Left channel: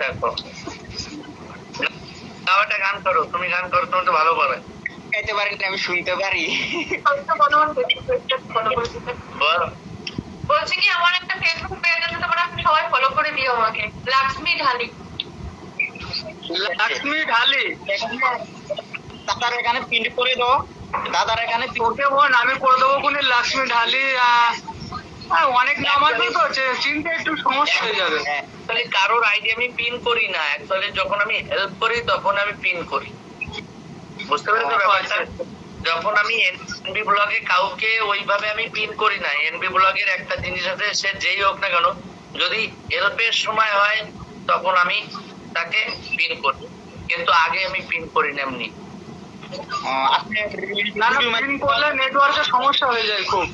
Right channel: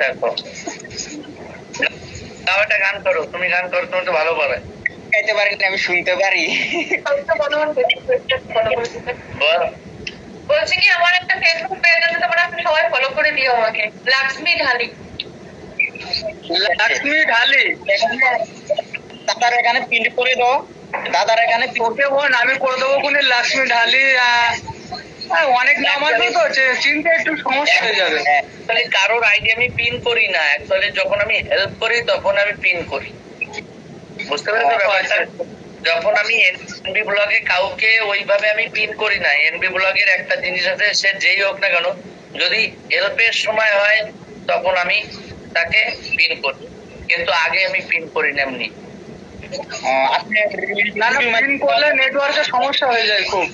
দেখো তাও একটা গান করো, তুমি গান করো, তুমি তো ভালো পারে। গাইতে পারি না, আমি শুনতে পারি। বলছি কি আমার একটা ফেসবুক পেজ আছে, তোমরা সবাই ফলো করে দিও আমাকে, লক্ষ্মী ঢালি। লক্ষ্মী ঢালি দাদার এখানে পিন করে দাও, দাদার এখানে ওকে বোন আমি করে দেবো কোনে লক্ষ্মী ঢালি। অনেক নাম আসবে তো চিনতে একটু সমস্যা হয়ে যাবে। কারোর আইডি আমি পিন করি না, অ্যাকচুয়ালি যখন আমি হেল্প করি তখন আমি পিন করি, বুঝতে পেরেছো ব্যাপারটা? যখন আমি এনবি ব্লগে কাউকে ওইভাবে আমি পিন করি না। এনবি ব্লগের একটা জিনিস আছে, সে যেই হোক না কেন, যদি হেল্পের সময় হয় তখন আমি তাকে পিন করি, কিন্তু আগে আমি পিন করি না এমনি। আপনি পিন করলে নেটওয়ার্কের সমস্যা হয়ে যায় খুব।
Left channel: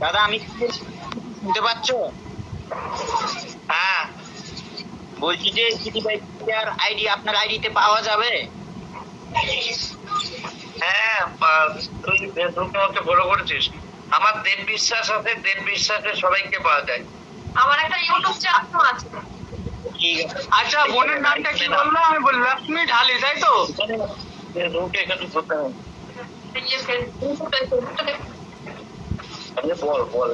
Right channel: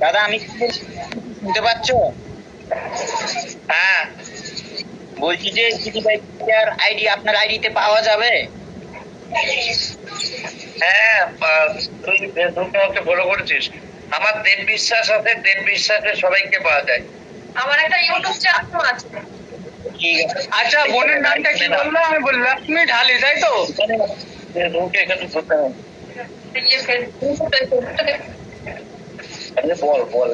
দাদা আমি শুনতে পাচ্ছ? হ্যাঁ বলছি যে আইডি আপনার আইডিতে পাওয়া যাবে? হ্যাঁ তুই ফেসবুকে ফলো করেছিস, আমার দেব বিশ্বাস আছে, দেব বিশ্বাসে সবাইকে পাওয়া যায়। আমার একটা ইউটিউব চ্যানেল আছে। আচ্ছা বোনের নামটা কি বললো? আমি বলি লক্ষ্মী ঢালি, তাই তো? এখানে বল বল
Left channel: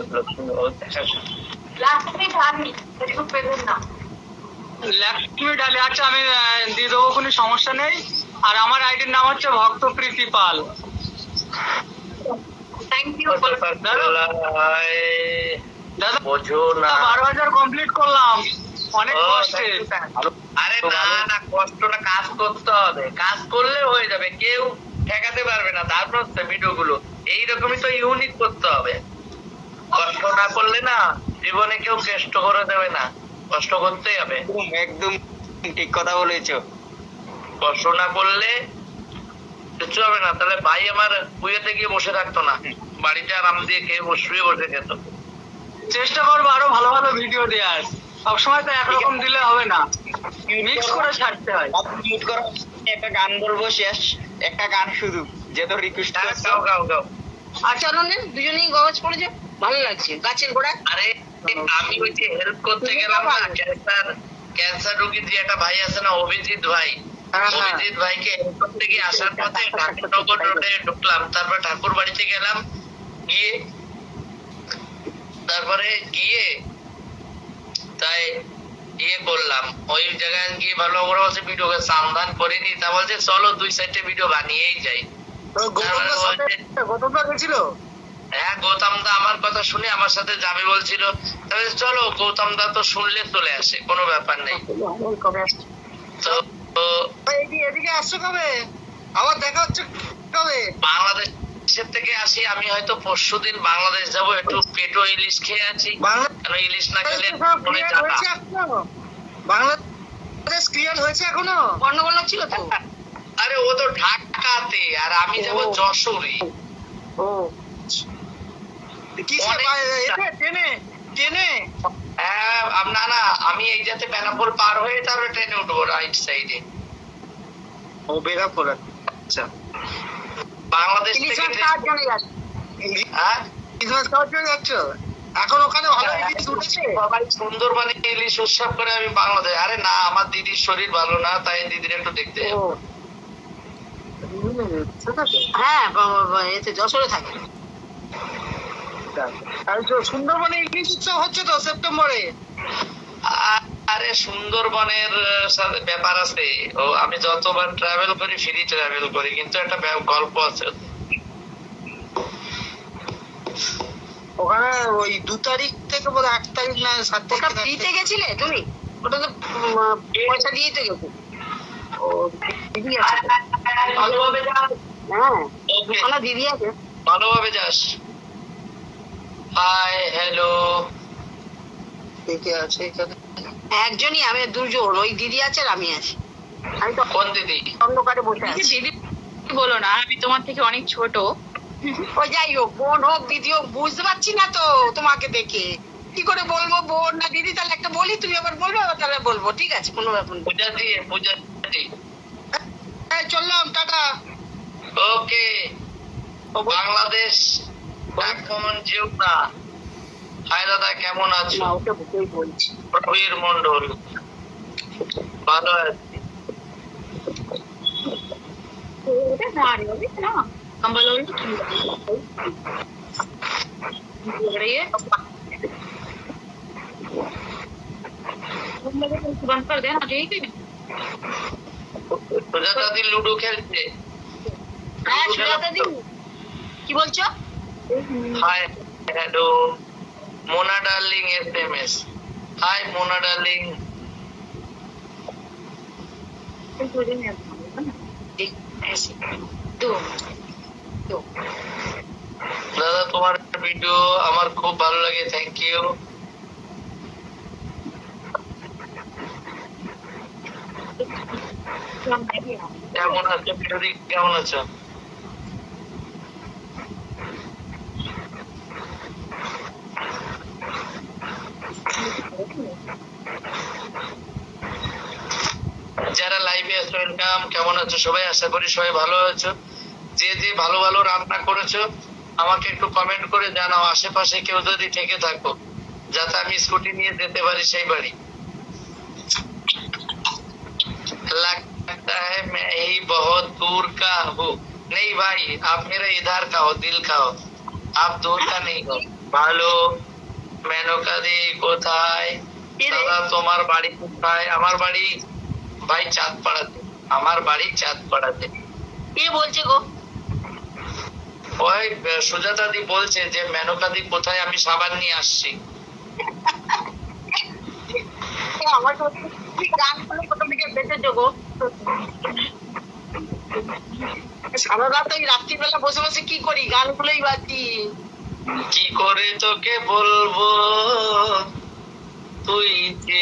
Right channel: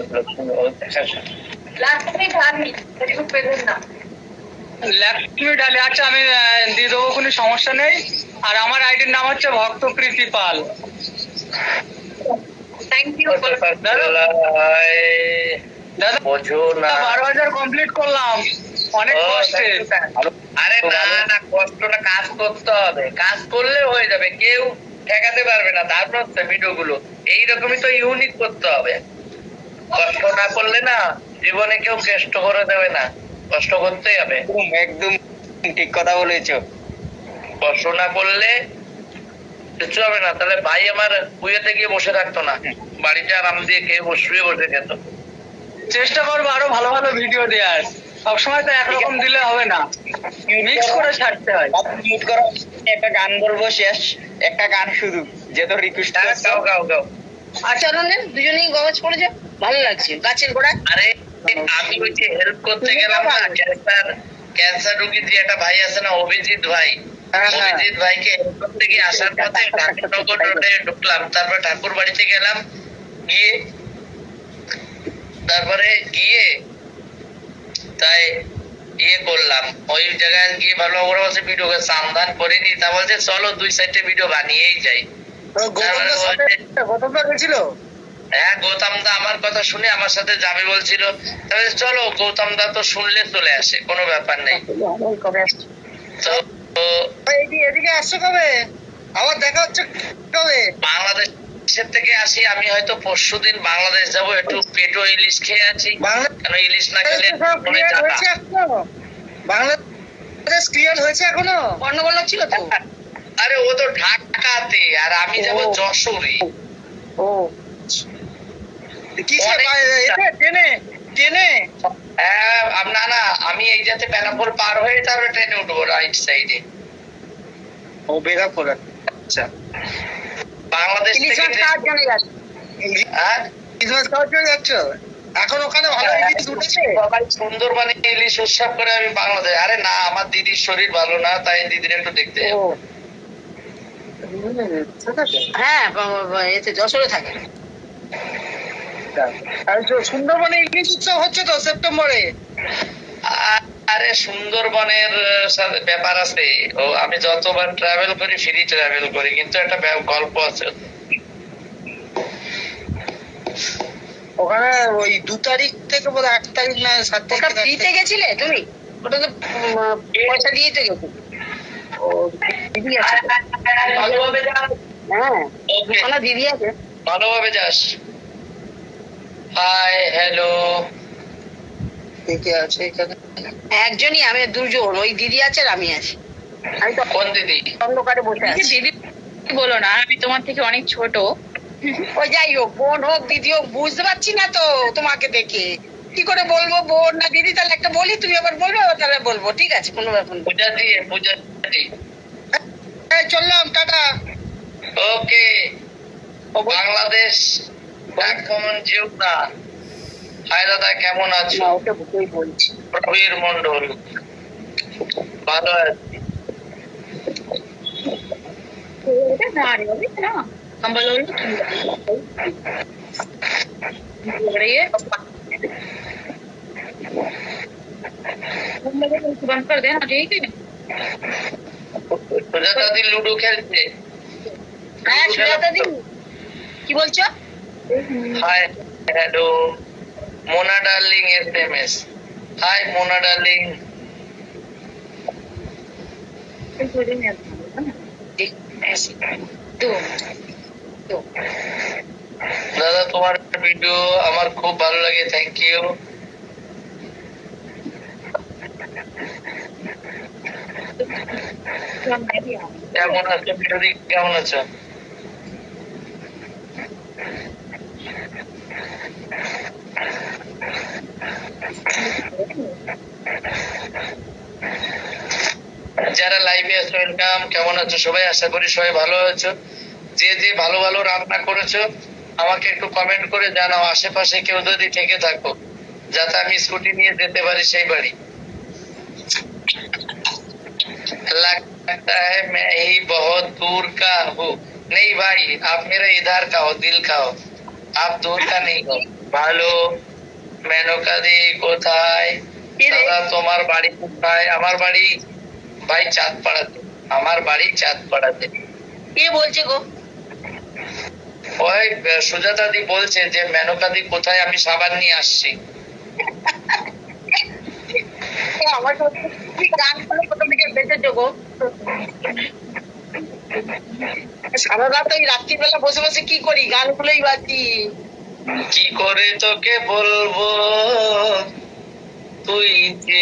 লক্ষ্মী ঢালি ফেসবুক পেজের নাম। লক্ষ্মী ঢালি, আচ্ছা আমি দিয়ে দেবো, কোনো সমস্যা নেই। আর আমার আইডির নাম হচ্ছে ভক্ত প্রীতি পাল। থ্যাংক ইউ দাদা। বোঝো না 12,000 কমপ্লিট করলাম অনেক কষ্টে। আরে না না কষ্ট না, কাজ করতে হবে, কাজ করলে হয়ে যাবে, কেউ ঠেকাতে পারবে না। তারপর হচ্ছে ভিডিও গুলো এইরকমই তো ইউনিক করতে হবে, কষ্ট না করলে না জীবনে কেউ কষ্ট করে দেবে না, কষ্ট করতেই হবে। একদম ঠিক কথা বলেছো, কষ্ট না করলে কিছু হবে না। তাহলে ভাই আমার কুয়েতে গিয়ে বসে থাকতো না, বাড়িতে আরাম দিয়ে খেয়ে শুয়ে বসে খেত। চেষ্টা করবো আরো ভালো ভালো ভিডিও দেওয়ার, সবসময় তো একরকম দিলে হবে না, মিক্স করে ছাড়তে হয়। একটা গান বলবো, শেষ একটা গান শুধু, যেহেতু রিকোয়েস্ট গাও গাও গাও। আচ্ছা দুজনেই গজ পড়েছে, ভালো লাগছে গাছের গোড়া। আরে আমি ওই যে হেল্প করতে গেলাম না, ক্যান্সার রোগী যে একটা ভাই আছে না, অভিজিৎ ভাই, অভিজিৎ ভাইকে হেল্প করতে গিয়ে আসার পথে ঠাকুরনগর রোডে ঢুকলাম, তারপর ঠাকুর বাড়িতে গেলাম, গিয়ে তারপরে গিয়ে তাই ইয়ে করলাম, ওই জায়গায় গিয়ে ভালো করে বলছে ভিডিও সান্ধান করিনি, তা বলছে চলো 2-4টে ভিডিও বানিয়েই যাই। গৌতম দা গেছিল? হ্যাঁ গৌতম দা আমার কথা শুনে আমার সাথে যাবে বলছিল, তবে চলো গৌতম দা তো শুনলে চলে আসে, কোনো ব্যাপার নেই। তো এদিকে আসছো কবে? আবার দেখা হচ্ছে কবে? বাংলাদেশের থেকে আসি আমি, হয়তো পরশুদিন বাংলাদেশ যাবো, একটু পেটো ইলিশ খেয়ে আছি, কেন ইলিশ না খেলে বাংলাদেশ ক্লিয়ার হয়েছে এখনো? গন্ডগোল ছিল তো। আরে ও তো ঢাকাতে, আর আমি যাবো যশোরে। না না আমি এই যাতে বেনাপোল পার হয়ে তারপরে ট্রেনে উঠবো রাইট সাইডে। ও বেনাপোল, আচ্ছা। বাংলাদেশ থেকে যাচ্ছ এখন? ওখানে ভালো ইলিশ উঠেছে, সবাই সুন্দরবনে ইলিশ উৎসব করে, আমি বাংলাদেশ। আরে না আমার দিদির শরীর ভালো না, তাই দিদির একটু দেখতে যাবো। হ্যাঁ এতে যশোরে থাকে। সুন্দরবনে ইলিশ উৎসব হচ্ছে তো সেপ্টেম্বরে। আরে সুন্দরবনের সাথে ব্যাপার আছে, ও আমি যতবার ট্রাভেল করি ফ্রি ট্রাভেল করি, কিন্তু একটা গল্প আছে ওখানে। ওই 2 তারিখ থেকে বোধ 8 তারিখ না 7 তারিখ দিতে গেছিলে তুমি? ওটা তো পয়সা দিয়ে তো গেছো। দিদি আছে ভালোভাবে যাস। হ্যাঁ ওখানে দিদি আছে, ভালোভাবে যাস। হাই হ্যালো, কে আছে এখানে? একজনই, আমি দুজন, ওই দিদি আছে আর আমি আছি। আমি তো কোন দিদি? অন্ধকারে বসে আছি। দিদি বলো না, আমি তোমার থেকে অনেক ছোট। ওই যাই হোক, বোন হোক দিদি হোক, বুঝতে পারছি না তো তোমাকে দেখে। কি করে বলবো বোন না দিদি, তাহলে একটা বলি, তুমি আবার বলবে, তাহলে বলবো, ঠিক আছে, কোনো ব্যাপার না। পূজা চললাম, টাটা। ওকে। বাংলাদেশ এখন যেও না। হাই দাদা, কেমন আছো? ওকে বলছি। প্রবীর মন্ডল, ভালো আছি। बंद कर देना, ठीक है। সুজাতা দি লুডো খেলছে। হ্যাঁ সুজাতা দি, কি বলছো? Hi, hello Mona darling, SMS। Hi Mona darling. দাদা তোমার ভিডিও আমার খুব ভালো লাগে, থ্যাংক ইউ। কেমন আছো বিরোধী, কেমন আছো? যারা লাইভে আছো ওয়েলকাম, কেমন আছো সবাই? আশা করি সবাই ভালো আছো। যে যে ভালো ভালো রান্না করেছো আমাকে একটু কমেন্ট করে জানাও। আশেপাশে কেউ যদি থেকে থাকো, যাতে আমি স্কুটি নিয়ে যেতে পারি সেই বাড়ি। लगता है मैं ही बहुत दूर का हूँ। नहीं भाई, आप मेरा इधर का हो, दिल का हो, आप दूर का नहीं हो। ভালো। মেনকা দি কোথায়? দাদা তোমার বাড়ি কোথায়? আমার বাড়ি ভাই চাঁদপাড়াতে। আমার বাড়ি চাঁদপাড়াতে। কে বলছে গো? ওই সুজাতা দি বলছে যে মেনকা দি কোথায়, আমি সাবান নিয়ে আসছি। আমার গান শুনে প্রথম থেকে বেঁচেছো গো। সারা রাত ওই রাত্রিবেলা বসে বসে কি করি, গানগুলোই বাজি। কি করে তোকে বলবো তুই যে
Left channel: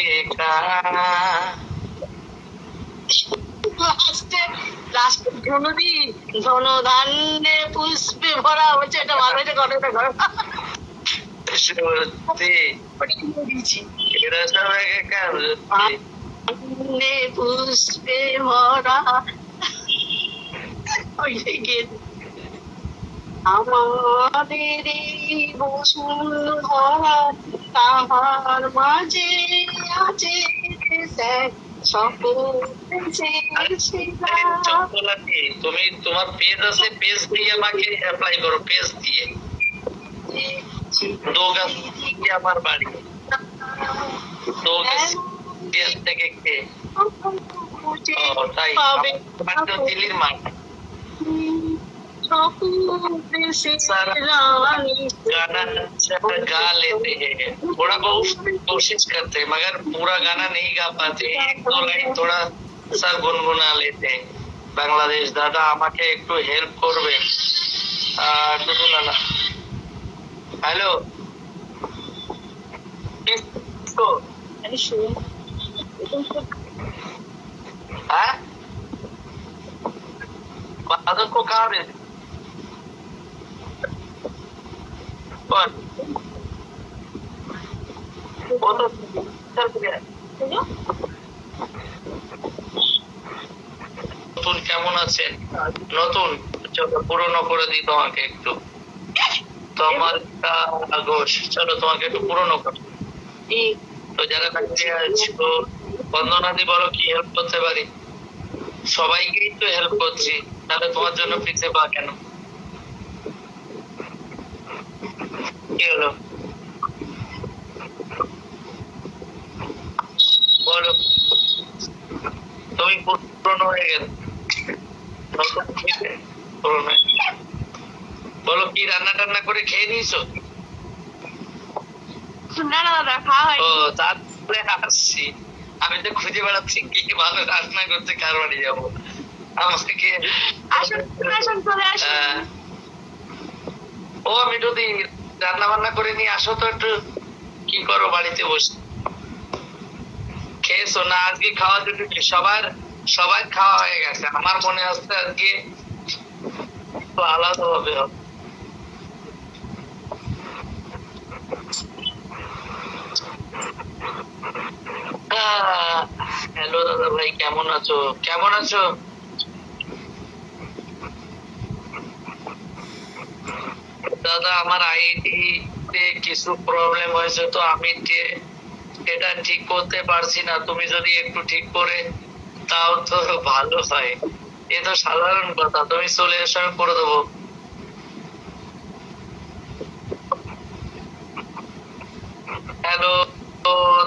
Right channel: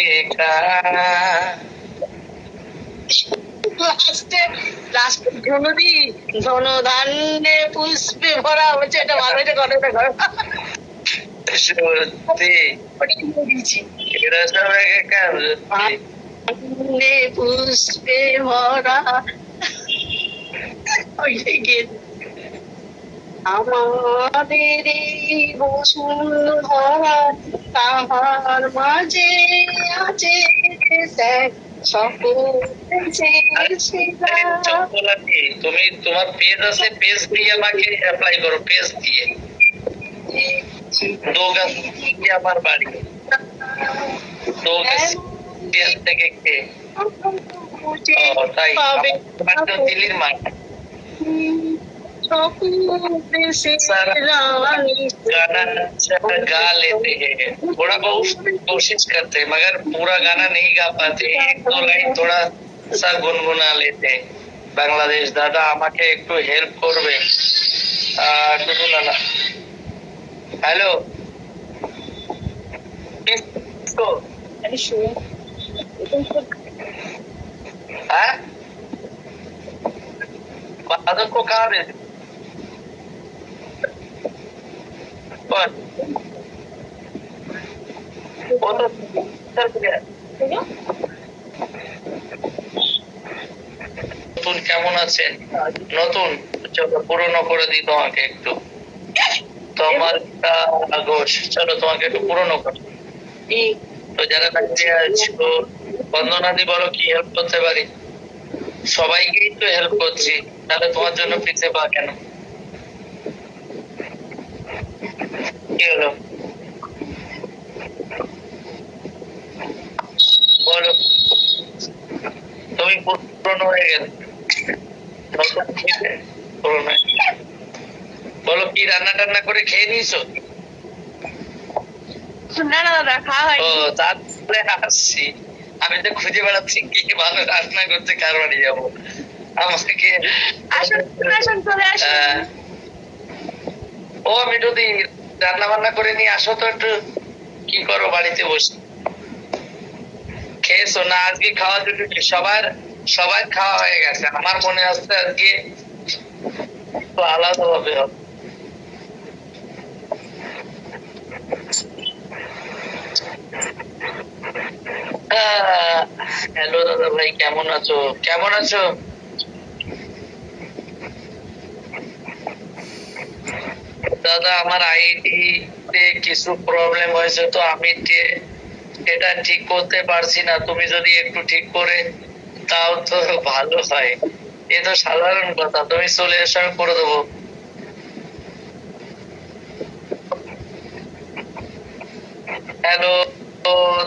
লাস্টে ধনুদি ধন ধান্যে পুষ্পে ভরা হচ্ছে, এটা ভালো, এটা ঘটনা ঘর। সত্যি এরা সব একাকার। পুষ্পে ভরা আমাদের বসুন্ধরা, তাহার মাঝে আছে তুমি তোমার পেজ আছে, পেজ দিয়ে আমাকে অ্যাপ্লাই করো, পেজ দিয়ে। আমার বাড়ি থেকে কে? তাই দিল্লির মাঠ। गाना गा लेते हैं, थोड़ा बहुत कोशिश करते हैं, मगर पूरा गाना नहीं गा पाते, एक दो लाइन थोड़ा सा गुनगुना लेते हैं। বাংলাদেশ দাদা আমাকে একটু হেল্প করবে? হ্যালো, হ্যাঁ बादल को कहाँ भेज? वो तो चल गया। নতুন কেমন আছেন? নতুন চলো পুরনো করে দিই তোমাকে একটু। তোমার ঘোষ, চলো তোমাকে একটু পুরনো করো। তো যারা বাইরে আছো, বন্দনাদি বলো কি হেল্প করতে পারি? সবাইকেই তো হেল্প করছি, তাহলে তোমার জন্য পিছিয়ে পা কেন? কি হলো বলো? তুমি পুরনো হয়ে গেলে বলো, কি রান্না টান্না করে খেয়ে নিয়েছো? না না দাদা, খাওয়া হয়। ও তারপরে আসছি, আমি তো খুঁজে বেড়াচ্ছি কি ভালো রান্না করতে, কার বাড়ি যাবো আমাকে। ও আমি যদি রান্না বান্না করে নিয়ে আসো তো একটু কি করো বাড়িতে বসে? খেয়েছো না? আজকে খাওয়া দুটো সবার খাওয়া হয়ে গেছে, আমার মনে হচ্ছে আজকে তো আলাদা হবে। হ্যালো দাদা ভাই, কেমন আছো? কেমন আছো? দাদা আমার আইডি তে কিছু প্রবলেম হয়েছে, তো আমি এটা ঠিক করতে পারছি না। তুমি যদি একটু ঠিক করে তাও তো ভালো হয়। এ তো সাধারণ কথা, তুমি চলে এসো, আমি করে দেবো। হ্যালো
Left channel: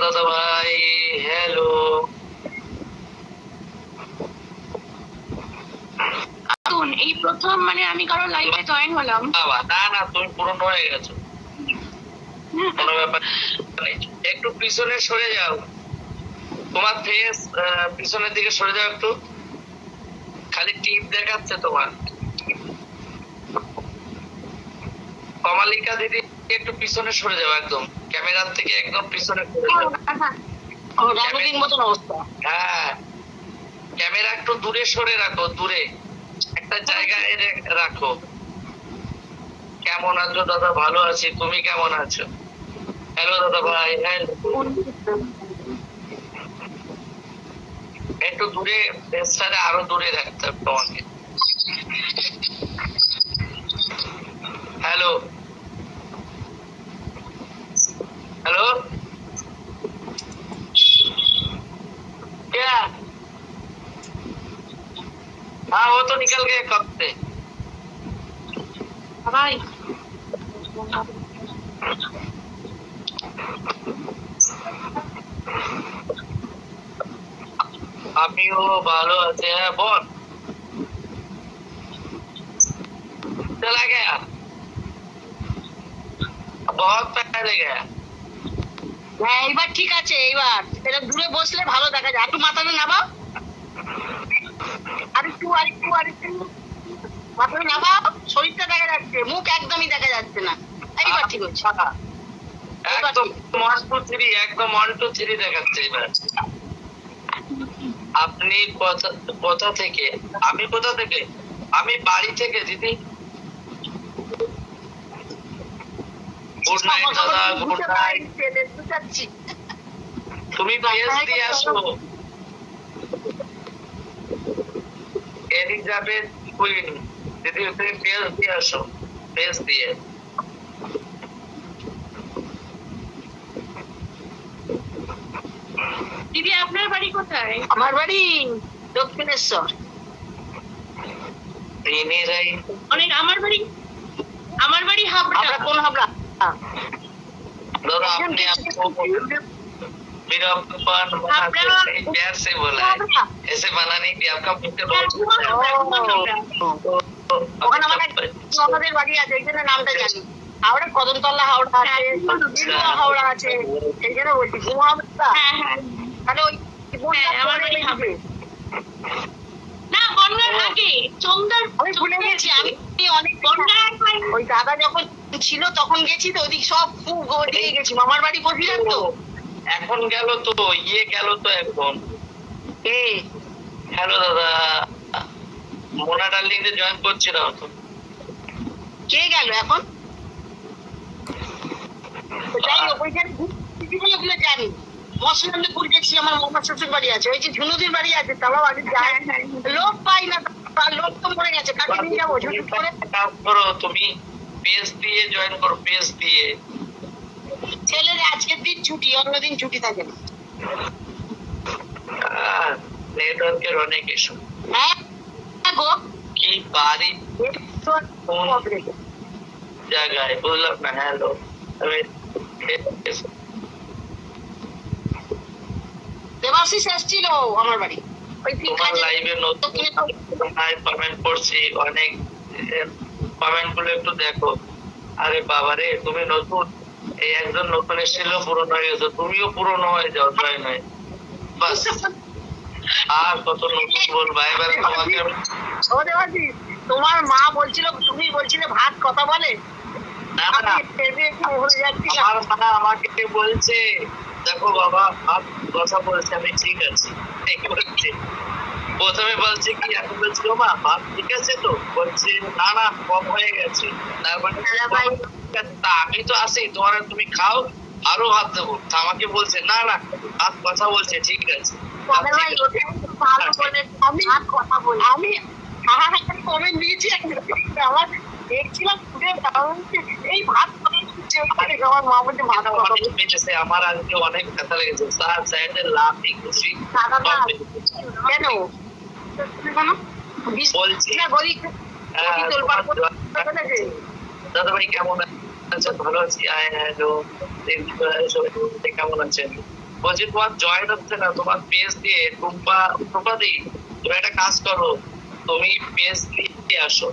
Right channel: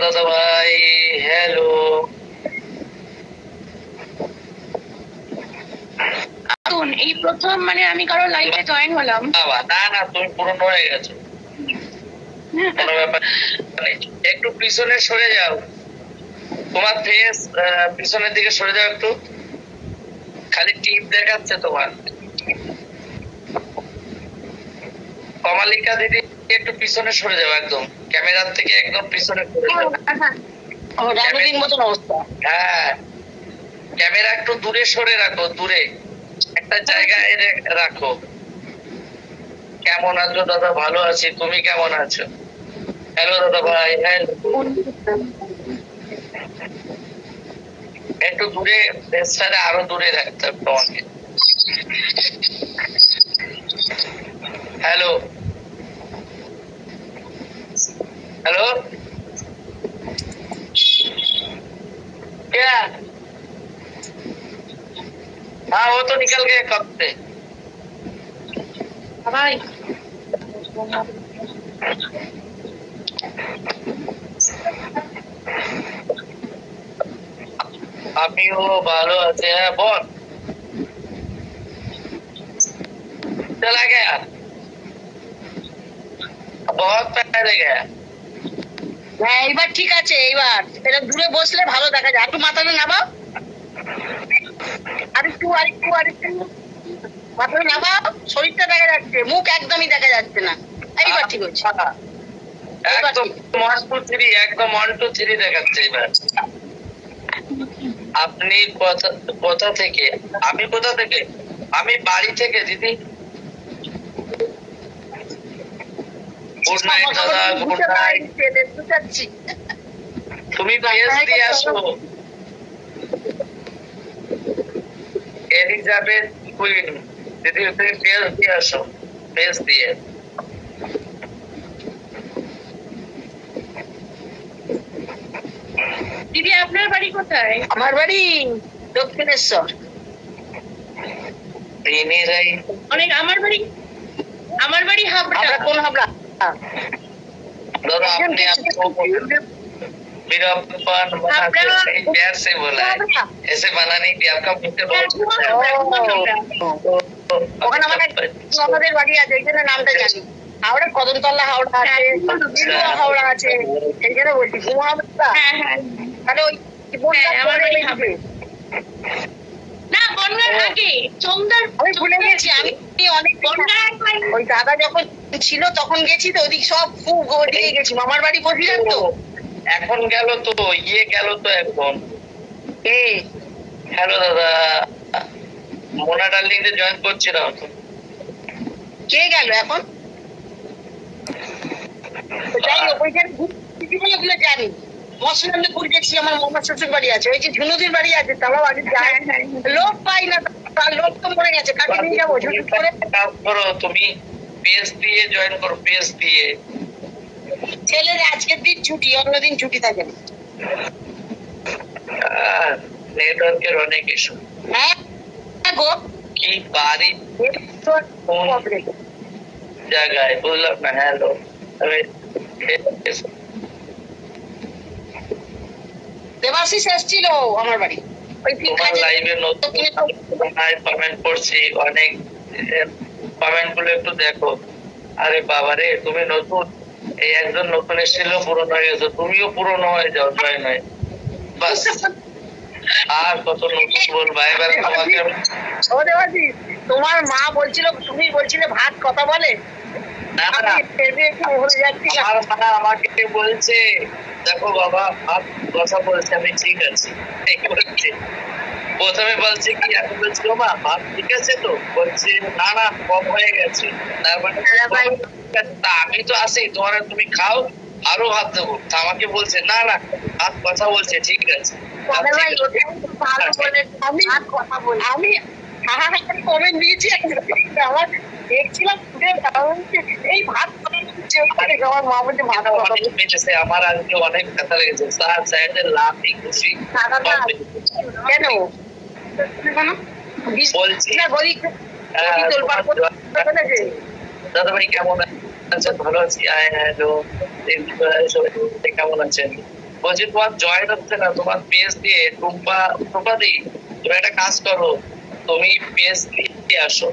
দাদা ভাই, হ্যালো। এই প্রথম মানে আমি কারো লাইভে জয়েন হলাম। না না, তুমি পুরনো হয়ে গেছো, কোনো ব্যাপার নেই। একটু পিছনে সরে যাও, তোমার ফেস পিছনের দিকে সরে যাও একটু, খালি টিপ দেখাচ্ছে তোমার। কমালিকা দিদি একটু পিছনে সরে যাও, একদম ক্যামেরার থেকে একদম পিছনে সরে যাও। হ্যাঁ, ক্যামেরা একটু দূরে সরে রাখো, দূরে একটা জায়গায় রাখো। কেমন আছো দাদা? ভালো আছি, তুমি কেমন আছো? হ্যালো দাদা ভাই, হ্যাঁ একটু দূরে, ফেসটারে আরো দূরে রাখতে হবে তোমাকে। হ্যালো হ্যালো, क्या? हाँ वो तो निकल गए कब से। ভাই আমিও ভালো আছে। হ্যাঁ বল। चला गया, बहुत पहले गया। হ্যাঁ এইবার ঠিক আছে। এইবার এটা দূরে বসলে ভালো দেখা যায়। একটু মাথাটা নামাও, আরেকটু আরেকটু আরেকটু মাথাটা নামাও। শরীরটা দেখা যাচ্ছে, মুখ একদমই দেখা যাচ্ছে না। এইবার ঠিক হচ্ছে। একদম 1 2 3, একদম 1 2 3 দেখাচ্ছে এবার। আপনি কোথা থেকে? আমি কোথা থেকে? আমি বাড়ি থেকে দিদি। গুড নাইট দাদা, গুড নাইট। তুমি পেজ দিয়ে আসো, এলিজাবেথ কুইন দিদি, তুমি পেজ দিয়ে আসো, পেজ দিয়ে। দিদি আপনার বাড়ি কোথায়? আমার বাড়ি দক্ষিণেশ্বর। অনেক আমার বাড়ি হাবড়া। আমরা কোন হাবড়া? दादा आपने आपको वीरप्पन प्यार से बोला है, ऐसे बना नहीं थी आपका मुझसे बहुत। ওখানে আমাদের বাড়ি আছে, এই জন্য নামটা জানি। হাওড়া কদমতলা হাওড়া আছে, বিলুয়া হাওড়া আছে, এই জন্য বলছি ঘুমা হাওড়া। তাহলে ওই আমার বাড়ি হাবড়া না, বন্যার আগে চন্দার। আমি ভুলে গেছি, আমি অনেক ওই দাদা যখন ছিল তখন গেছি তো, ওইদিক সব খুব ওদিকে গেছি। মামার বাড়ি বসিলাম তো। এখন গেল তো, ইয়ে গেল তো এখন। হ্যালো দাদা, মোনা ডার্লিং যে জয়েন করছিলাম তো। কে গেল এখন? যাই হোক, ওইখানে ওগুলো জানি। মসলান্দপুর গেছি, আমার মামার শ্বশুর বাড়ি আছে। ওই যে ঝুনুদির বাড়ি আছে, তারাও আগে যায়। লোক পাই না, তার লোক তো মরে গেছে। কাকে নিয়ে যাবো? ঝুনুদ করে কাজ করো তুমি, পেজ দিয়ে জয়েন করো, পেজ দিয়ে। ছেলের আজকের দিন ছুটি, অন্যদিন ছুটি থাকে না। নেটওয়ার্কের অনেক ইস্যু। হ্যাঁ গো, কি বাড়ি জায়গায় বুঝলাম না। হ্যালো, দেবাশিস এসেছিল আমার বাড়ি। ওই তোমার লাইভে নতুন কমেন্ট করছি, অনেক কমেন্ট গুলো একটু দেখো। আরে বাবারে, তুমি নতুন, এই একজন নতুন এসেছিল, পুরনো হয়ে গেছো, তুমিও পুরনো হয়ে যাও জয়েন হয়ে। বাস আর কত নতুন বলবা এবার তোমাকে। ও দেবাশিস, তোমার মা বলছিল, তুমি বলছিলে ভাত কথা বলে। না না, আমার মা আমাকে বলছে, দেখো বাবা ভাত কথা বলছে, আমি ঠিক আছে। প্রথমে বলছে কি, আমি বলছি মা ভাত ঠিক আছে তো, বলছে না না কম হয়ে গেছে। তার মানে আমি তো আছি তোমার, তুমি খাও, আরো ভাত দেবো, আমাকে বলছে না না ভাত কথা বলছে, ঠিক আছে আমি কমেন্ট দিয়েছি আমার দেখছিলাম এই ভাত আমার মা বলছে ভাত বেঁচেছে। আমার আজকে অনেক ব্যথা লেগেছে স্যার, স্যারদের লাভ খুশি কেন বলছি না গরিব দাদা ভাই কেমন আছেন? ভালো আছি। কেমন আছেন? বলছি তোমার জয়েন হচ্ছে না, তোমার পেজ দিয়ে টুম্পা দিই, তুমি একটা কাজ করো, তুমি পেজ দিয়ে আসো।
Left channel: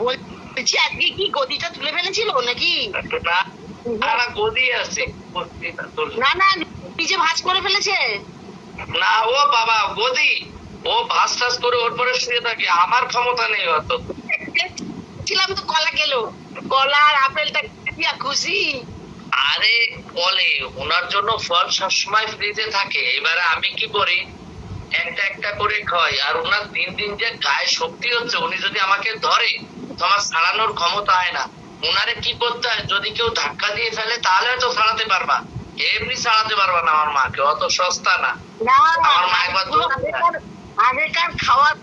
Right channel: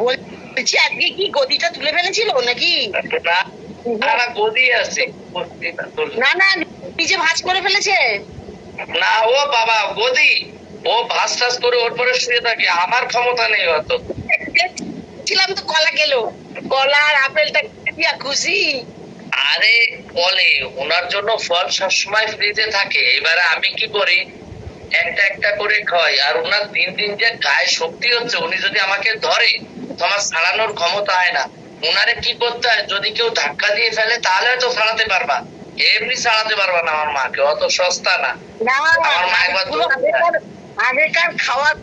বলছি আজকে কি গদিটা তুলে ফেলেছিল নাকি? না গদি আছে, না না নিজে ভাঁজ করে ফেলেছে। না ও বাবা গদি, ও ভাস টাস করে ওর পরে শুয়ে থাকে, আমার ক্ষমতা নেই অত। ছিলাম তো কলা গেল, কলা আর আপেলটা খুশি। আরে বলে ওনার জন্য ফল সবসময় ফ্রিজে থাকে, এবারে আমি কি করি একটা একটা করে খাই, আর ওনার দিন দিন যে গায়ে শক্তি হচ্ছে, উনি যদি আমাকে ধরে তো আমার ছাড়ানোর ক্ষমতা হয় না। ওনারে কি করতে হয়, যদি কেউ ধাক্কা দিয়ে ফেলে তাহলে হয়তো ছাড়াতে পারবা, এমনি ছাড়াতে পারবা না আমার মাকে, অত সস্তা না। আমার মা একবার আগেকার খাওয়ার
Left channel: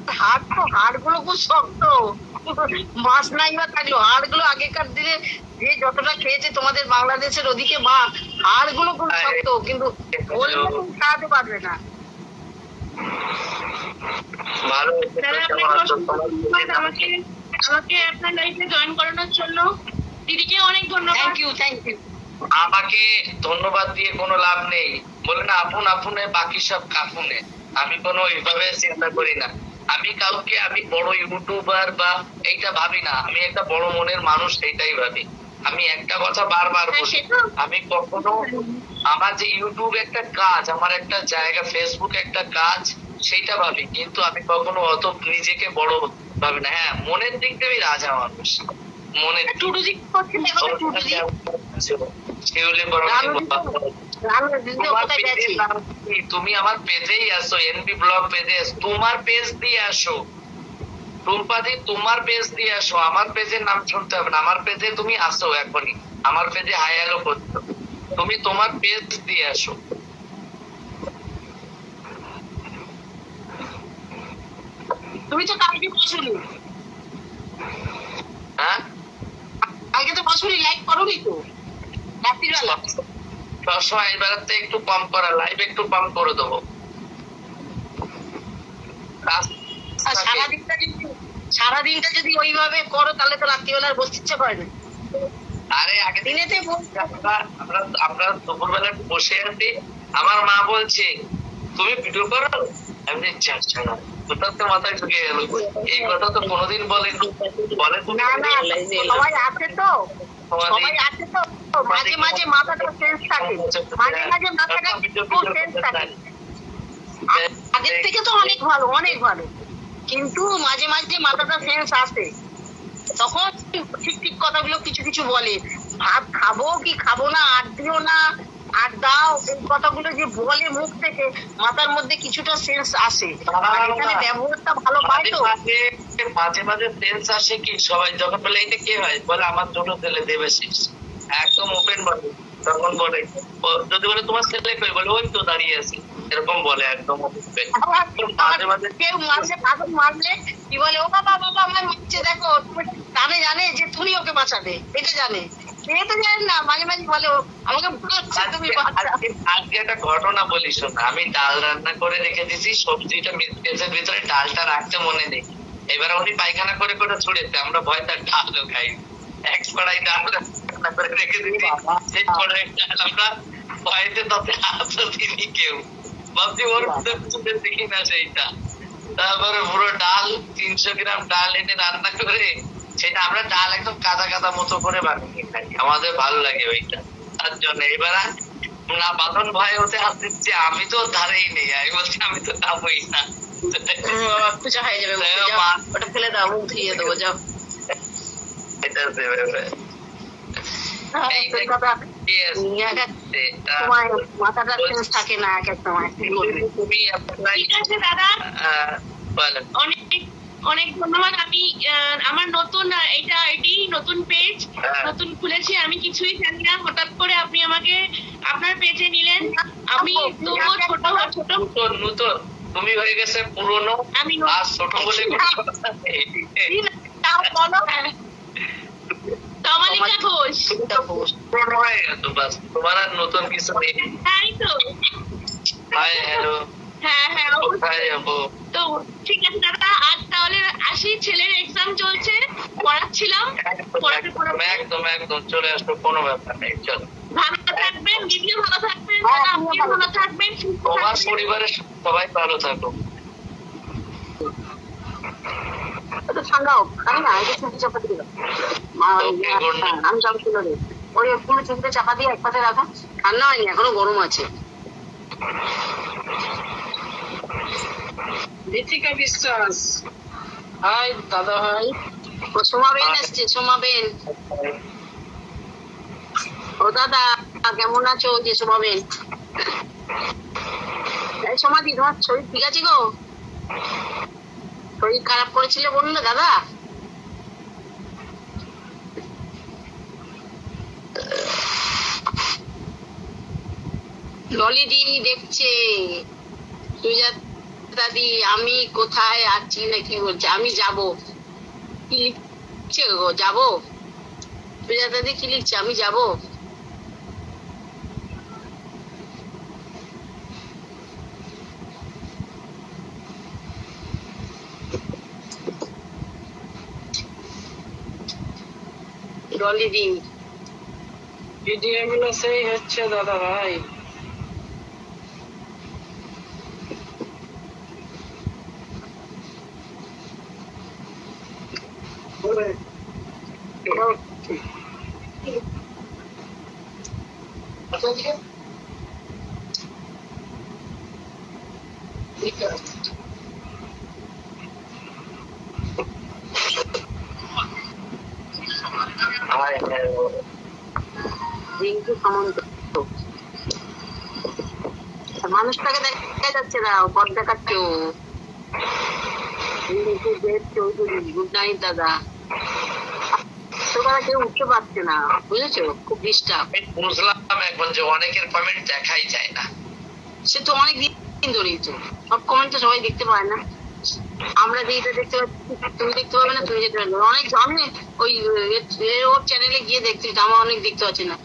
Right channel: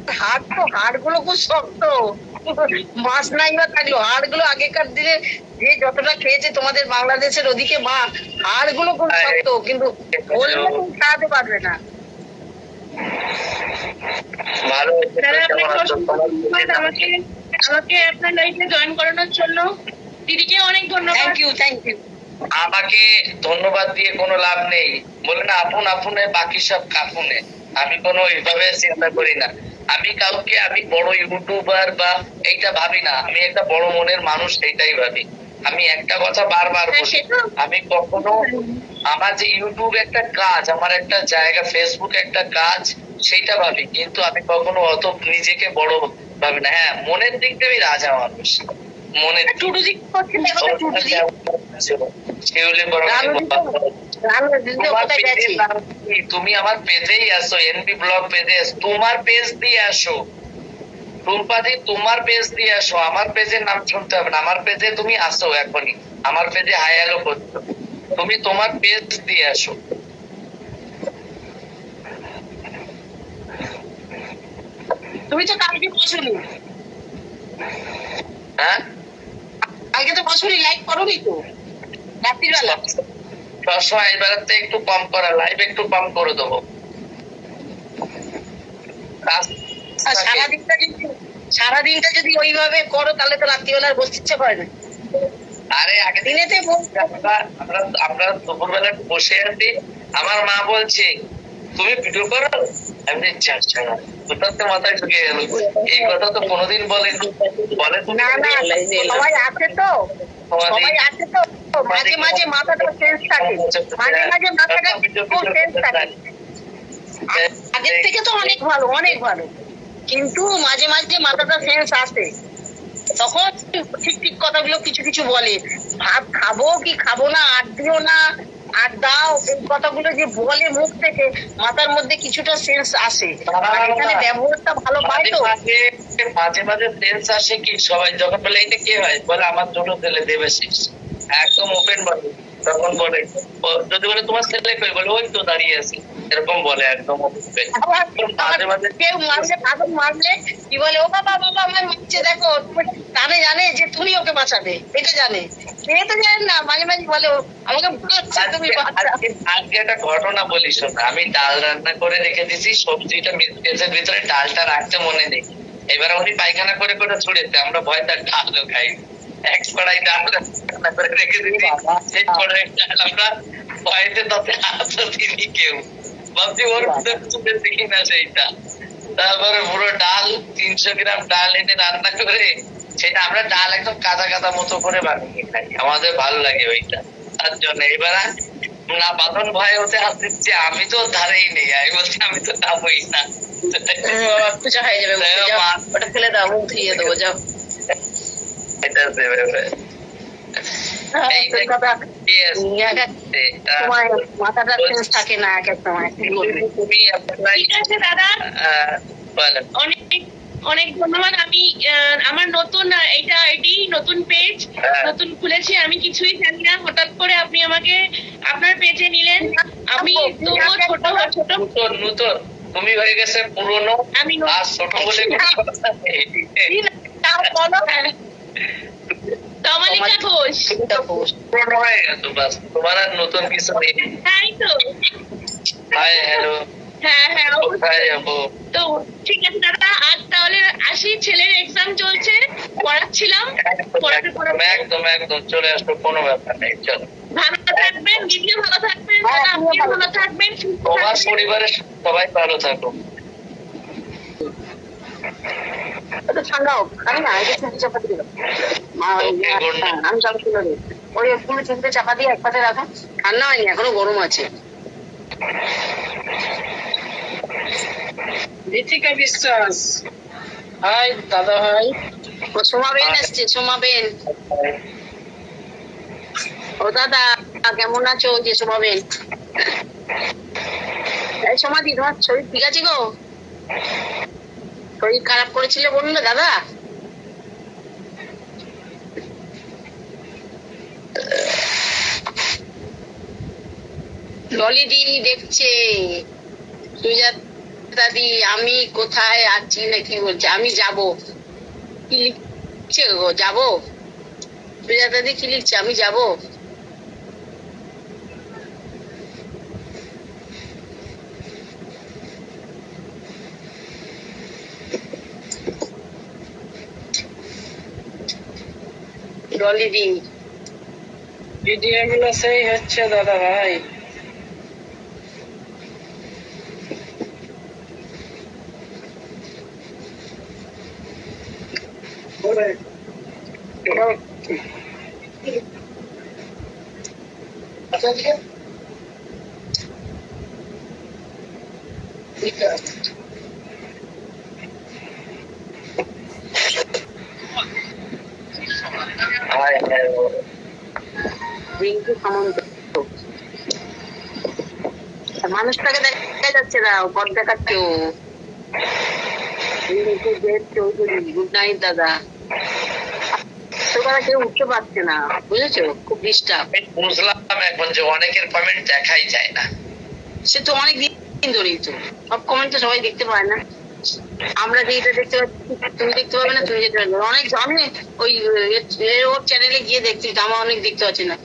হাড় গুলো খুব শক্ত, মাছ নাই বা থাকলো হাড় গুলো আগেকার দিনে যে যতটা খেয়েছে তোমাদের বাংলাদেশের ওদিকে মা, হাড় গুলো খুব শক্ত, কিন্তু বললে তুমি খাওয়াতে পারবে না। ভালো আমাকে আপনার লাইফে জয়েন করানোর জন্য দিদিকে অনেক ধন্যবাদ। Thank you thank you. আমাকে ধন্যবাদ দিয়ে কোনো লাভ নেই, বলে না আপন আপনে বাকি সব কাপুনে। আমি কোনো এইভাবে চিন্তা করি না, আমি কাউকে আমি বড় ইউটিউবার বা এইটা ভাবি না, আমি একটা বড় মনের মানুষ এইটাই ভাবি। আমি একটা কথা বারবার বলি, আমি কখনো আমার যে ইউটিউব একটা কাজ, আমার একটা জায়গা, ফেসবুক একটা কাজ, সেইটা ভাবি, কিন্তু আমি কখনো অত নিজেকে বড় ভাবি না। হ্যাঁ মনের দিক দিয়ে আমি রাজা মানুষ, মনের তুমি আমার পেজেই আসো, এনবি ব্লগ পেজে তোমার পেজ দিয়ে আসো, টুম্পাদি তোমার পেজ দিয়ে আসো, আমার পেজের নাম শুনতে হবে না, আমার পেজে তুমি আসো এখনই, আমার পেজে হাই হ্যালো করছো, তুমি তোমার পেজ দিয়ে আসো। তুমি তো কালকে বসুনি, হ্যাঁ কালকে তো বসুনি, লাইক করোনি তো রাত্রিবেলা। সবসময় এবারে একটু কম করা, লাইভ একটু কম করে দেবো। সারাদিনটা যদি ওইভাবে করো তাহলে তো রাত্রিবেলা বসতে ইচ্ছে করে না। আরে আগে দিনেতে আমরা দুপুরবেলা বসে আছি, আমার মা বলছে তুমি ভিডিও করো, আমি মাথায় ঢুকে গেল, এই কথা তো কোনোদিন বলেন বলে না না সবাই আছে তো, সবাই আছে তো, মাঝে মাঝে মাথাটা চেঞ্জ থাকে, মাঝে মাঝে মাথাটা খুব চেঞ্জ থাকে। আগের থেকে তো অনেক ভালো, অনেক ভালো, কিন্তু মাঝে মাঝে মাথাটা সেন্স আসে, তখন ঠিক ঠিক কথাগুলো কিছু কিছু বলে, ভাত খাবো কি খাবো না, আর দিও না আর দাও, এই কথাগুলো যে বলে মুখ থেকে, মাথার মধ্যে কিছুটা সেন্স আসে, এখানে ব্যবহারটা ভালো পায় তো। মাঝে মাঝে সেন্স আসে কি, সবাই যখন বলে এটা কে হয়, বলে আমার ছোট ছেলে দেবাশিস, একদম ওপেন বলে, তখন বলে যদি বলে তোমার ছেলে কই, বলে ওই তো দাঁড়িয়ে আছে, এরকম বলে একদম কেউ মারলে পাগল মারলে কি বলে, ও বাবা বাবা আমার মারছে দেখো, তাহলে জানে যে তুমি ওকে বাঁচাবে, এটা জানে, সে তো জানেন না, মাঝে মাঝে বলে আমাকে তুমি। আজকে একটা ঘটনা বলি শোন, আমি ডাল রান্না করে রেখে দিছি, সবজিটা মিক্সের ভিতরে ডালটা রাখতে মনে নেই, এবার উনি পায়খানা করে করে ছুড়েছে, আমরা ভয় তার ডালও খাই, এক কড়াই ডাল রান্না করে রেখে দিছি, সেই কড়াই ডাল আমরা ভয়তে তাতে হাতও দিনি কেউ, ভাবছি ওর মধ্যে দেখি না সেইটা। তারপরে পুরো ডাল 300 গ্রাম ডাল এনে রান্না করে, সেটা আমরা ডাল একদম কাদা কাদা মতো করে বানিয়ে খাই, আমাদের ভালো লাগে ওইটা, তার জন্য। এবার না বাঁধন ভয় হতে আসছে, আমি তো ধারেই নেই, আমি বলছি আমি তো যাবোই না, পূজা হয়ে যাবে, ওটা ফেলে দাও, মুখ ধুয়ে দেবো, যাও। এটা দেবে মাথাটা চেঞ্জ থাকে না এক এক সময়। ঠিক আছে দাদা, অনেক অনেক ধন্যবাদ। আমি আমার নতুন এটা আইডি, নতুন পেজ নতুন খুলেছি, আমি কিছুই জানি না, হঠাৎ করে আপনি আমাকে আপনার পেজে নিলেন। আমি তবুও ছোট ছোট নতুন নতুন, তুমি হয়ে গেছে পুরনো, আমি আর ছোট বলে তমালিকা ঘোষ। পুরনো হয়ে গেছো, বাস তোমার আর নতুন কিছু নেই। তাই তো। Hi hello. হ্যাঁ হ্যাঁ কোথায় যাবো? তো ঠিক আছে দাদা, আজ তাহলে আসি, ছেলের এক্সাম চলছে, পড়াচ্ছিলাম। একদম একদম চলে আসবো, কোনো ব্যাপার নেই, চলো। ভালো থাকবেন, দিদিও ভালো থাকবেন, দাদা আপনিও ভালো থাকবেন, তোমার পরিবারের সবাই ভালো থাকো। ঠান্ডা হোক, আমি না এটা ছেঁচে চাপা দিয়ে আমি চাপা তুলে দেব, ওই পুরো ছেঁচে চাপা দিয়ে এক পাশে রাখা। ঠান্ডা হয়নি, এখনো গরম আছে। ঋতিকা বিশ্বাস, হাই দাদা ভাই। ও সোমাবেন এসছে, সোমাবেন। ও দাদা কেমন আছো? যে সোমাবেন, সমাধি তোমার শরীর ঠিক আছে গো? শরীর খারাপ করেছিল বলুন না দাদা? ললিদি দেখছে, সুজাতাদি আমি কোথায় আছি নাকি বলছে, আমি যাব। কি লিখছে গো? যাবো? সুজাতাদি কি লিখছে? আমি যাব। ললিদি ভিডিও গুলো সেই হচ্ছে দাদা ভাই। Hi hello. রিঙ্কু সামন্ত, মানুষটাকে দেখা যাচ্ছে না, পথ দেখাচ্ছে। রিঙ্কু দেব চৌধুরী, গুড নাইট দাদা। তোমরা কেউ উঠতে পারছে না, বুঝেছো? খুব ডিস্টার্ব। বুঝলাম এখন যে অনেকের কমেন্ট দেখাই যায় না। সে তো অনেক দিন ধরেই তো, সব কমেন্ট তো সবাই দেখতে পায় না। আমরা যেটা দেখতে পাচ্ছি তুমি দেখতে পাবে না, তুমি যেতে পারবে না। অনেক আমি ওই ওর চ্যানেলে গিয়ে দেখছি, আমার অনেক দেখতে পাচ্ছি না।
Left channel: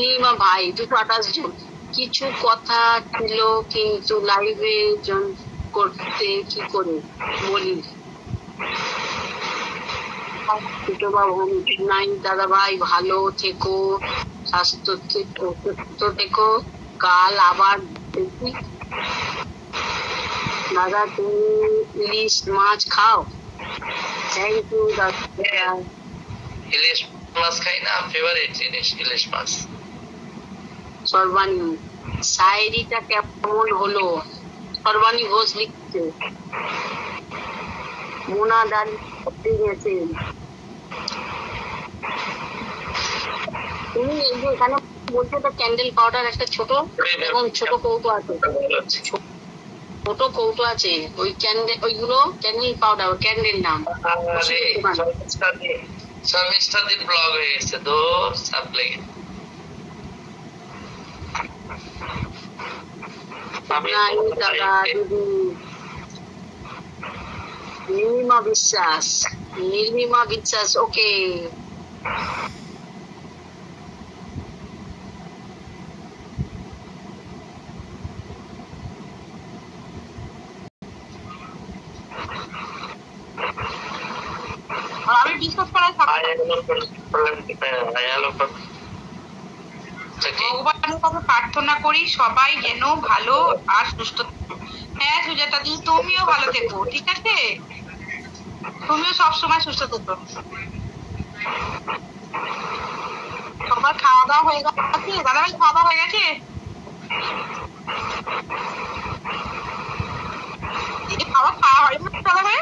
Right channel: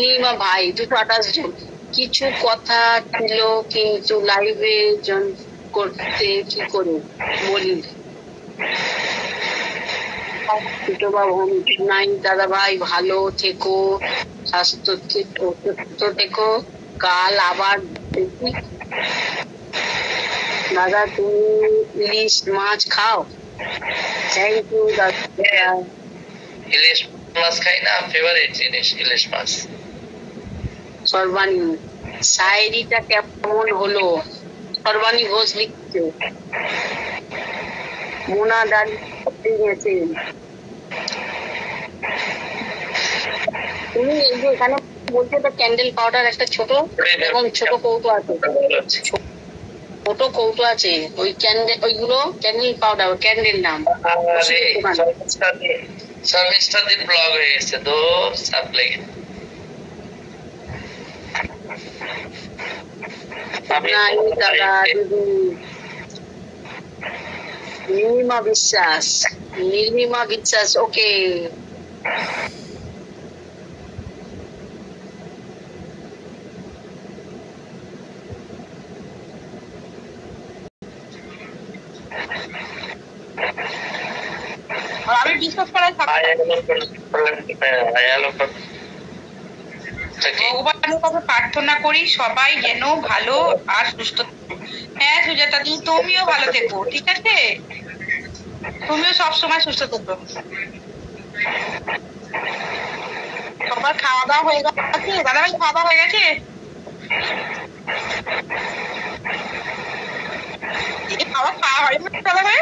লিমা ভাই 228 জন, কিছু কথা ছিল কিন্তু লাইভে করতে কি করে বলি। নাই দাদা ভাই, ভালো থেকো, সুস্থ থেকো, কাল আবার দেখি। দাদা তুমি ইলিশ মাছ খাও? থ্যাংক ইউ দাদা। ইলিশ মাছ খাই না, ফেভারিট জিনিস ইলিশ মাছ। সর্বাণী শায়েরিটা কেমন হলো? সর্বাণী ঘোষ লিখছে। মোনা দাঁড়িয়ে গেছে। তুমি এই যে এখানে বলছো তো ক্যান্ডেল পাউডার একটা ছোট, এবং ছোট কৌটো আছে, ছোট কৌটো আছে, ওই ক্যান্ডেল, ওইগুলো ক্যান্ডেল পাউডার, ক্যান্ডেল নাম। সার্ভিসটা দিন ব্লগ হয়ে গেছে তো সাপ লেগে। দাদা দিদি নির্মিমা বিশ্বাস, নির্মিমা বিশ্বাস, ওকে। আমি বিশ্বাস করার ভগবানের কাছে প্রার্থনা করি সবাই যেন ভালো আর সুস্থ থাকে। হ্যাঁ সুজাতা দি, তুমিও ভালো থেকো, ঠিক আছে? তুমিও সবসময় সুস্থ থেকো। সবার খাওয়া দাওয়া হয়ে গেছে? দাদা ভাই খাওয়া দাওয়া হয়ে গেছে? খাওয়া হয়নি দাদা ভাই?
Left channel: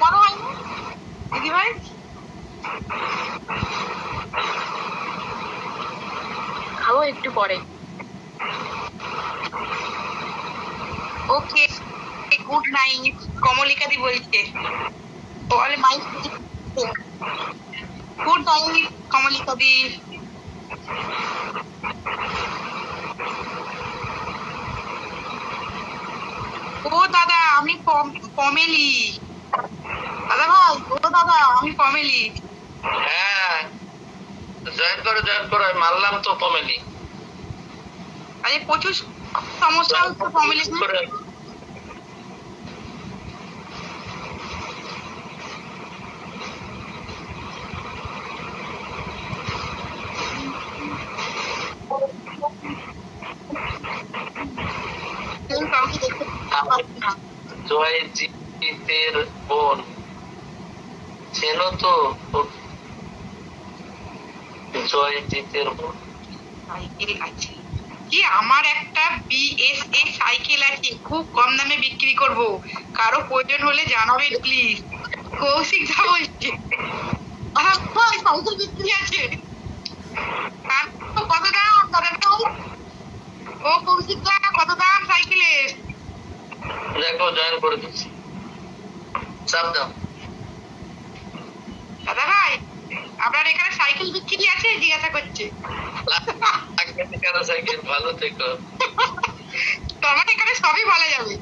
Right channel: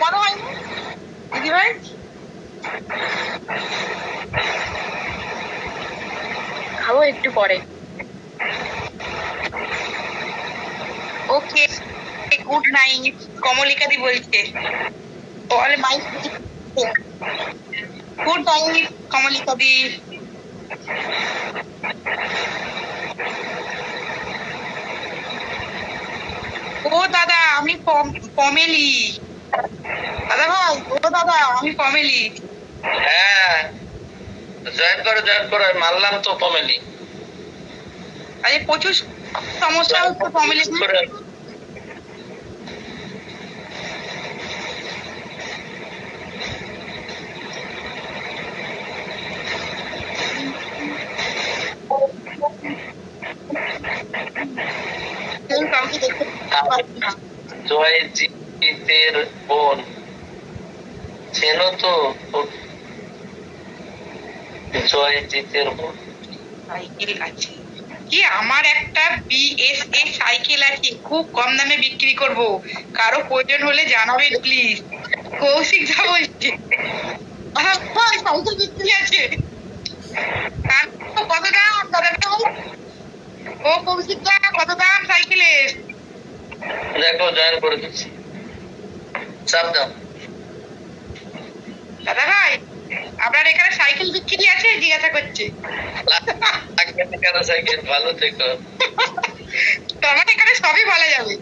কেন হয়নি দিদি ভাই? খাবো একটু পরে। Okay good night. কমলিকা দি বলছে, বলে মাই গুড নাইট কমলিকা দি। ও দাদা আমি পমেলি। দাদা ভাই, ও দাদা আমি পমেলি। হ্যাঁ জয়েন করো, মারলাম তো পমেলি। আরে প্রচুর সমস্যা হচ্ছে পমেলি। জয়জিতের বোন চেনো তো? জয়জিতের বোন সাইকেল আছে কি? আমার একটা BSA সাইকেল আছে, খুব কম দামে বিক্রি করব, কারো প্রয়োজন হলে জানাবেন প্লিজ। কৌশিক যা বলছে, সাইকেল বিক্রি আছে। কত দাম দাদা? ও কৌশিক দা কত দাম সাইকেলের? দেখো জয়েন করে দিচ্ছি, চাপ দাও। দাদা ভাই আপনার এখানে সাইকেল বিক্রি আছে জিজ্ঞাসা করছে। সাইকেল ভালো থেকো। তোমার এখানে সবই বলা যাবে।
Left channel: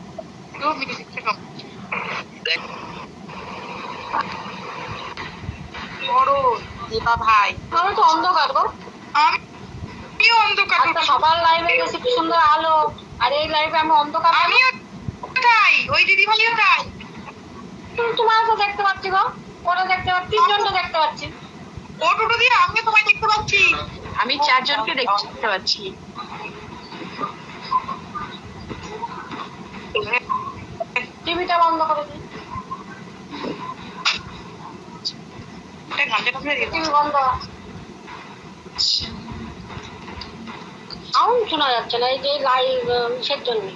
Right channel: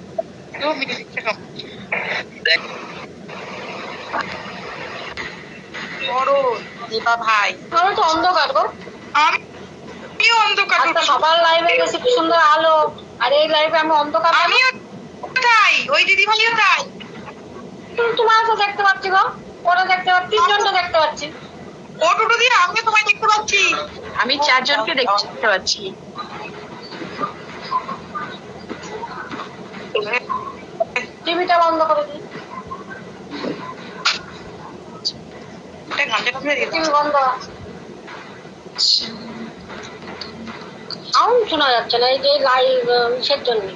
বড় দীপা ভাই, আমি তো অন্ধকার গো। আমিও অন্ধকার। সবার লাইভে বেশি সুন্দর আলো, আর এই লাইভে আমি অন্ধকার। আমিও তাই, ওই দিদি ভাইও তাই। তোমার তো দেখতে পাচ্ছি গো, ওরা দেখতে পাচ্ছি, তিনজনটা দেখতে পাচ্ছি। ও টুটু দিয়ে আমিও তোমায় দেখতে পাচ্ছি। আমি 4 জনকে দেখতে পাচ্ছি। টিভিটা বন্ধ করে দিই। টিভি বন্ধ। সাউন্ড শোনা যাচ্ছে না, এই যে লাইভ ইসের জন্য,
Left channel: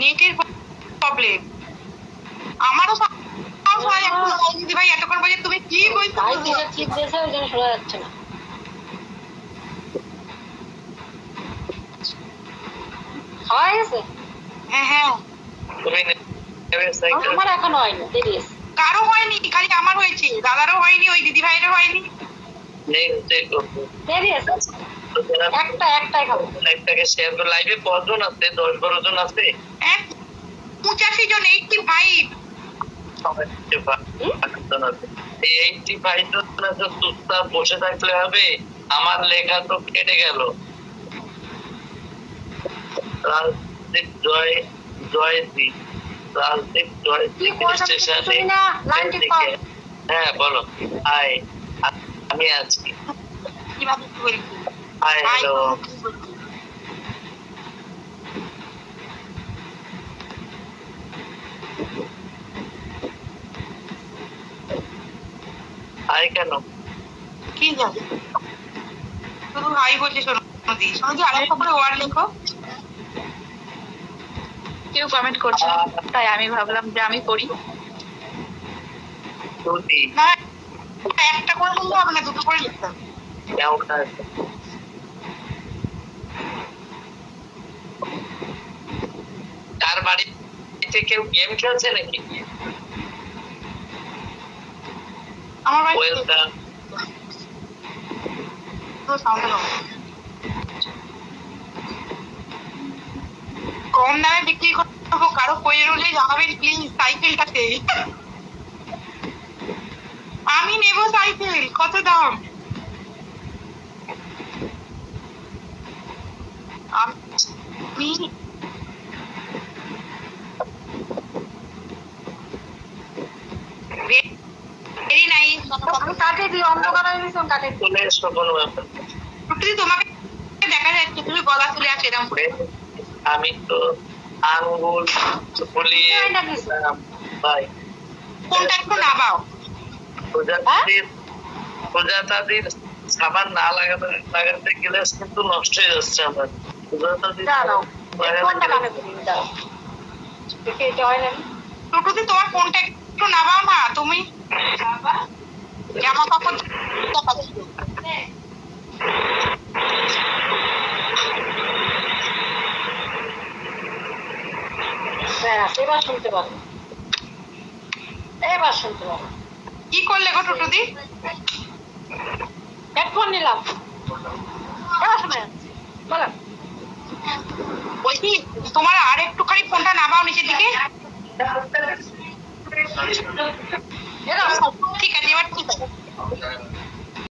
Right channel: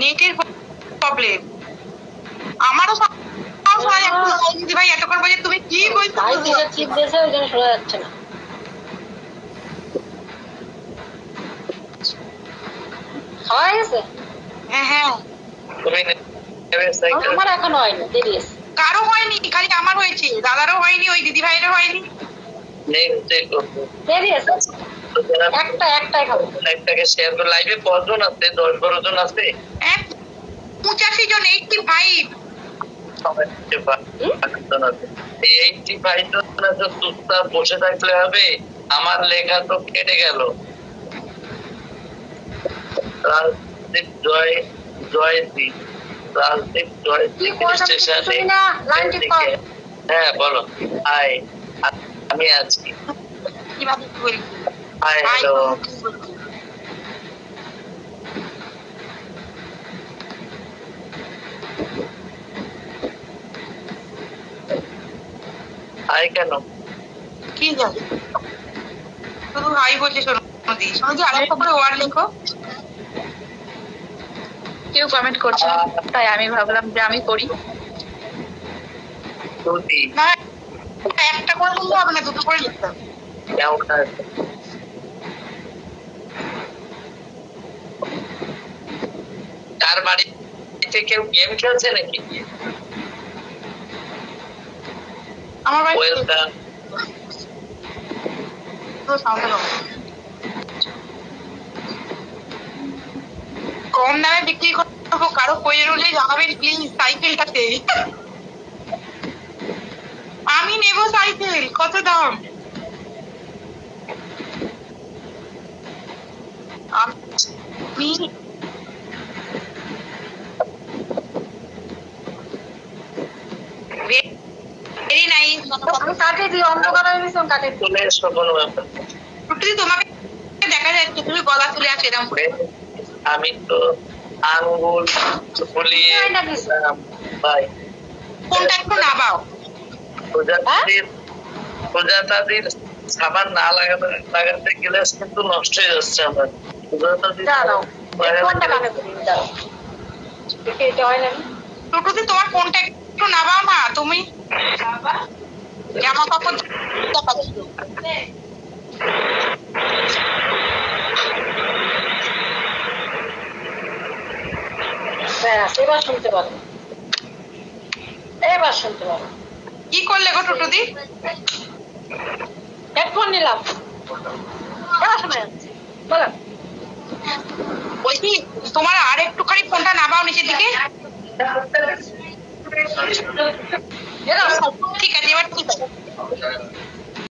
নেটের প্রবলেম। আমারও দিদি ভাই এতক্ষণ বলছে তুমি কি বলছো, লাইভ ইসের চিপ দিয়েছে, ওই জন্য শোনা যাচ্ছে না। খাওয়া গেছে? হ্যাঁ হ্যাঁ। আমার এখনো হয়নি, দেরি আছে। কারো হয়নি, খালি আমার হয়েছে, দাদারও হয়নি, ওই দিদি ভাইয়েরও হয়নি। দেরি আছে, একটাই খাবো। একটাকে শেয়ার করে। লাইভে কতজন আছে? 10-12 জন আছে। 85 জন, 85। 85 জন আছে। চুপচাপ বসে থাকলে হবে? আমার লেখা তো কেটে গেল। রাজদীপ জয়দীপ স্টেশনে। হ্যাঁ বলো। হাই, আমি আছি। কিভাবে বলবো? High, hello. হাই কেন? কি জানি, শুধু হাই বলছে। সোনাদি, সোনাদি আরেকটা করে ওয়ার্ড লেখো। কেউ কমেন্ট করছে না, তাই আমি ভাবলাম যে আমি করি। না, একটা করে বললে হবে না, দুটো করে লিখতে হবে। তার বাড়িতে কেউ গেম খেলছে নাকি? আমার বাড়ি ওয়েলকাম। কম দামে বিক্রি করবো, কারো প্রয়োজন হলে জানাবেন প্লিজ সাইকেলটাতে। আমি নেব সাইকেল, কত দাম? আমি ভেরি নাইস। আমি কাটে দিই, অন্ধকার হয়ে গেছে, কাটে দিই। চলে এসো, কোনো ব্যাপার। তোমাকে দেখা যাচ্ছে, তুমি গলা তুলে আসো এরকম করে। আমি তো আঙ্গুল ফুলিয়ে ভাই। কোনটা একটু নাবাও। প্রজাতাদের সাবান না লাগাতে গেলে কিন্তু নষ্ট হয়ে যাচ্ছে আমার। টুটুদি তোমার ফোনটা একটু নাবাও না তুমি, জামা কাপড় ব্যাস, এবার শুনতে পারো, এবার শুনতে পারো। কি করলে গো টুটুদি? হেডফোন নিলাম। এবার শোনা যাচ্ছে, বলো। বলছি তোমার আর একটুখানি ফোনটা নামাও নিচের দিকে। এরা ঠিক আছে, এবার ঠিক আছে।